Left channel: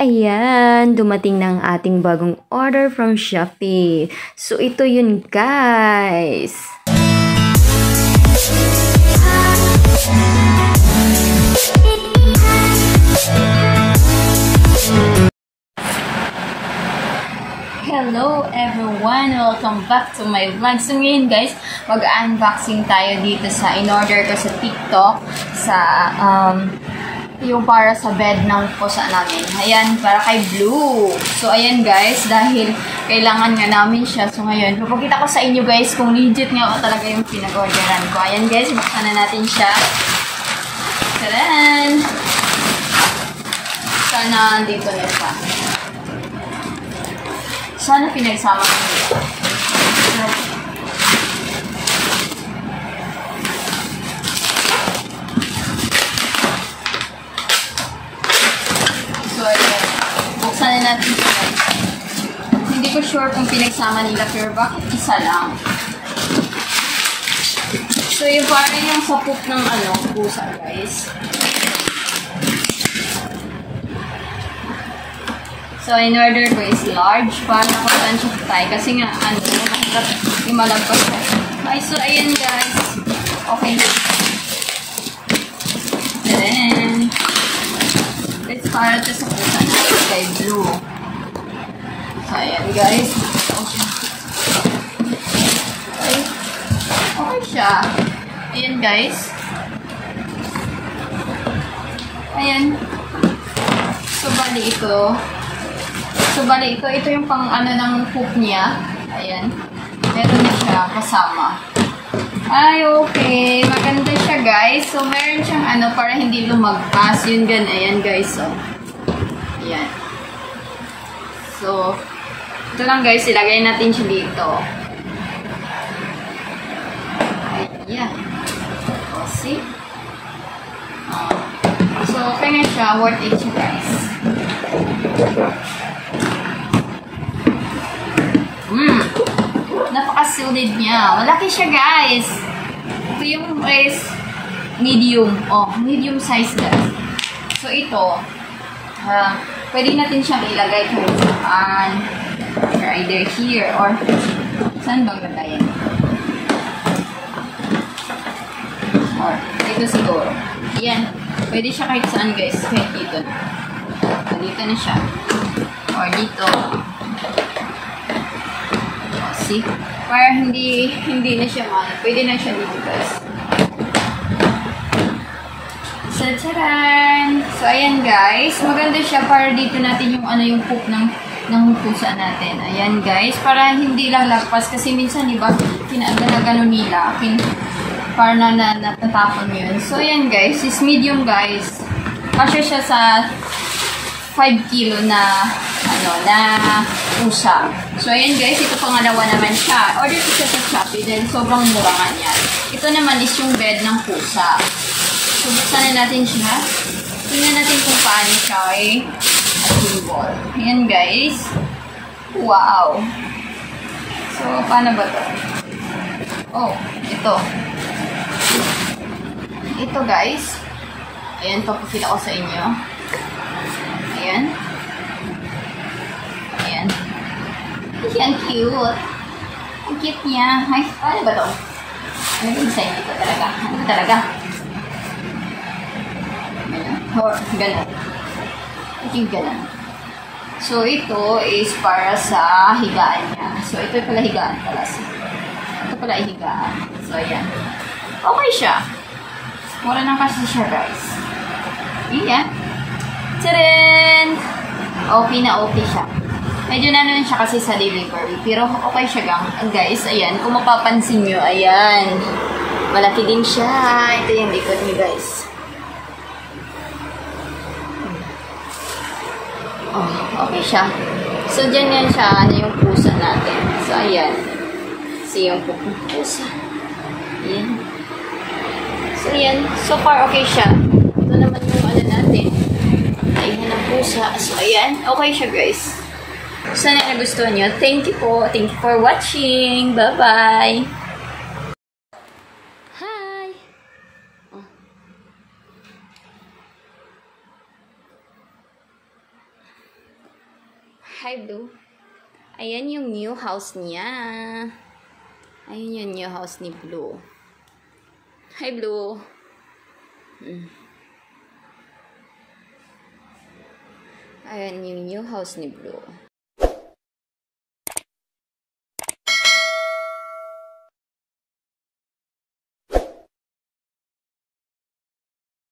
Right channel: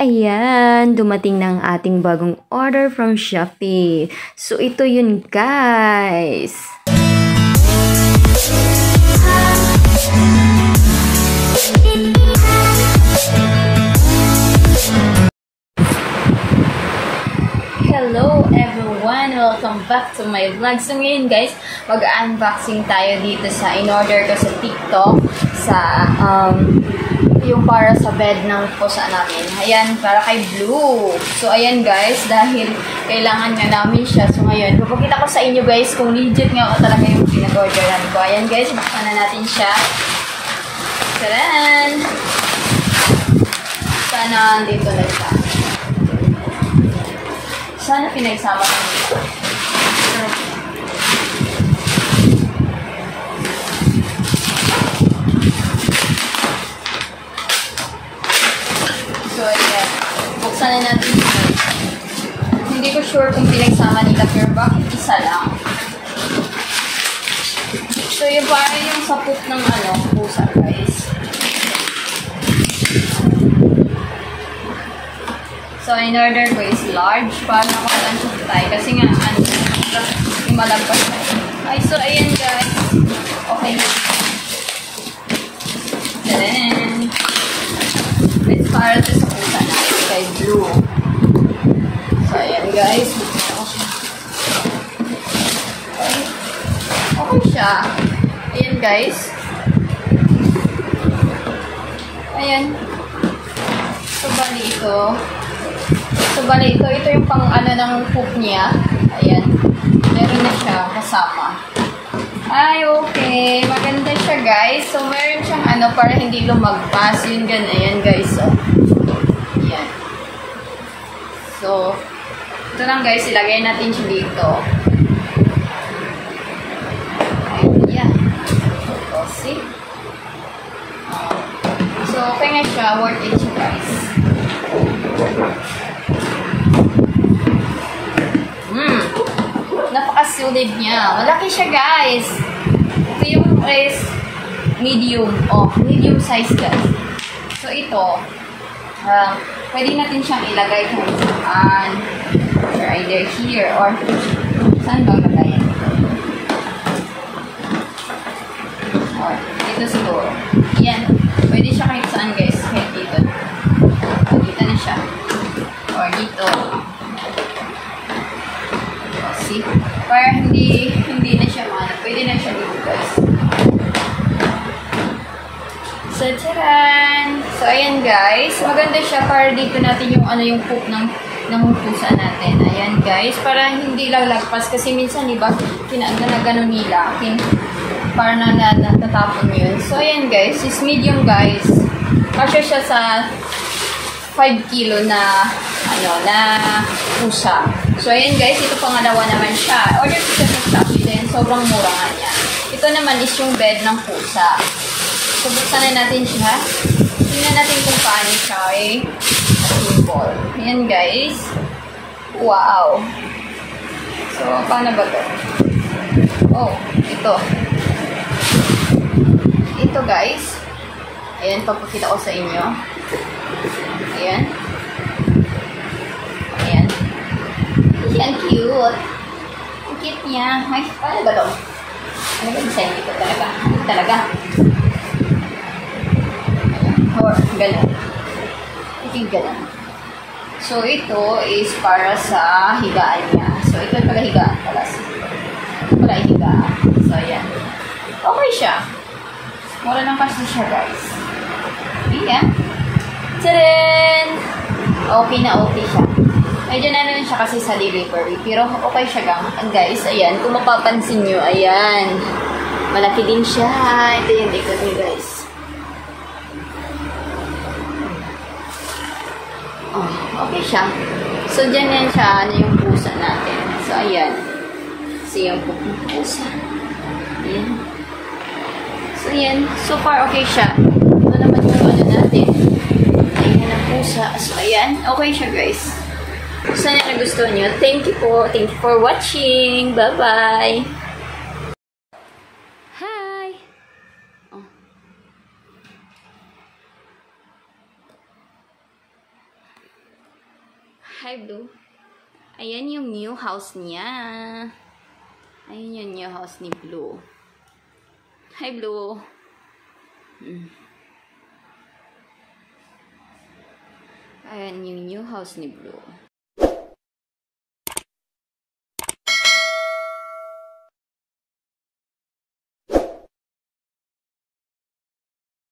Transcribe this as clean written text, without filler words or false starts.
Ayan, dumating na ang ating bagong order from Shopee. So, ito yun, guys. Hello everyone! Welcome back to my vlog. So ngayon guys, mag-unboxing tayo dito sa in-order ko sa TikTok sa yung para sa bed ng pusa namin. Ayan, para kay Blue. So ayan guys, dahil kailangan nga namin siya. So ngayon, papakita ko sa inyo guys kung legit nga talaga yung pinag-orderan ko. Ayan guys, buksan na natin siya. Taran! Sana dito na siya. Sana pinagsama ko dito. So, ayan. Buksan na natin ito. Hindi ko sure kung pinagsama nila, pero bakit isa lang? So, yung parang yung sapok ng pusa, guys. So, in-order ko is large. Para nakuhaan siya tayo. Kasi nga, yung malagpas na. Ay, so, ayan guys. Okay na. Then, it's para ito sa pusa natin kay Blue. So, ayan guys. Okay. Okay siya. Ayan guys. Ayan. So, bali ito yung pang ng poop niya. Ayan. Meron na siya kasama. Ay, okay. Maganda siya, guys. So, meron siyang para hindi lumagpas. Yun dyan. Ayan, guys. So, ayan. So, ito lang, guys. Ilagay natin siya dito. Ayan. So, see? So, okay na siya. Worth it siya, guys. Napaka-solid niya. Malaki siya, guys. Ito yung is medium. Medium size, guys. So, ito, pwede natin siyang ilagay kung saan. Or either here, or saan bang lagayan ito? Or, dito siguro. Yan. Pwede siya kahit saan, guys. Kahit dito. Dito na siya. Or dito. See? Para hindi na siya pwede na siya dito, guys. So, charan! So, ayan, guys. Maganda siya para dito natin yung yung poop ng pusa natin. Ayan, guys. Para hindi lalagpas. Kasi minsan, di ba, pinagano nila. Para natatapon yun. So, ayan, guys. Is medium, guys. Kasi siya sa 5 kilo na pusa. So, ayan guys, ito pangalawa naman siya. Order ko siya sa Shopee din. Sobrang mura nga niya. Ito naman is yung bed ng pusa. So, buksan na natin siya. Tingnan natin kung paano siya. Simple. Ayan guys. Wow. So, paano ba to? Oh, ito. Ito guys. Ayan, papakita ko sa inyo. Ayan. Ayan. Ayan, cute. Ang cute niya. Ay, paano ba ito? Ano yung design nito talaga? Ano talaga? Ayan. Or, ganun. Ito yung ganun. So, ito is para sa higaan niya. So, ito yung pala higaan pala. Ito pala higaan. So, ayan. Okay siya. Mura lang kasi siya, guys. Ayan. Tcharan! Okay na okay siya. Medyo nanon siya kasi sa delivery. Pero okay siya gang. Guys, ayan. Kung mapapansin nyo, ayan. Malaki din siya. Ito yung likod niyo, guys. Oh, okay siya. So, dyan yan siya. Yung pusa natin. So, ayan. See yung pusa. Ayan. So, ayan. So far, okay siya. Ito naman yung natin. Ayan ang pusa. So, ayan. Okay siya, guys. Sana nagustuhan nyo. Thank you po. Thank you for watching. Bye-bye. Hi! Hi, Blue. Ayan yung new house niya. Ayan yung new house ni Blue. Hi, Blue. Ayan yung new house ni Blue.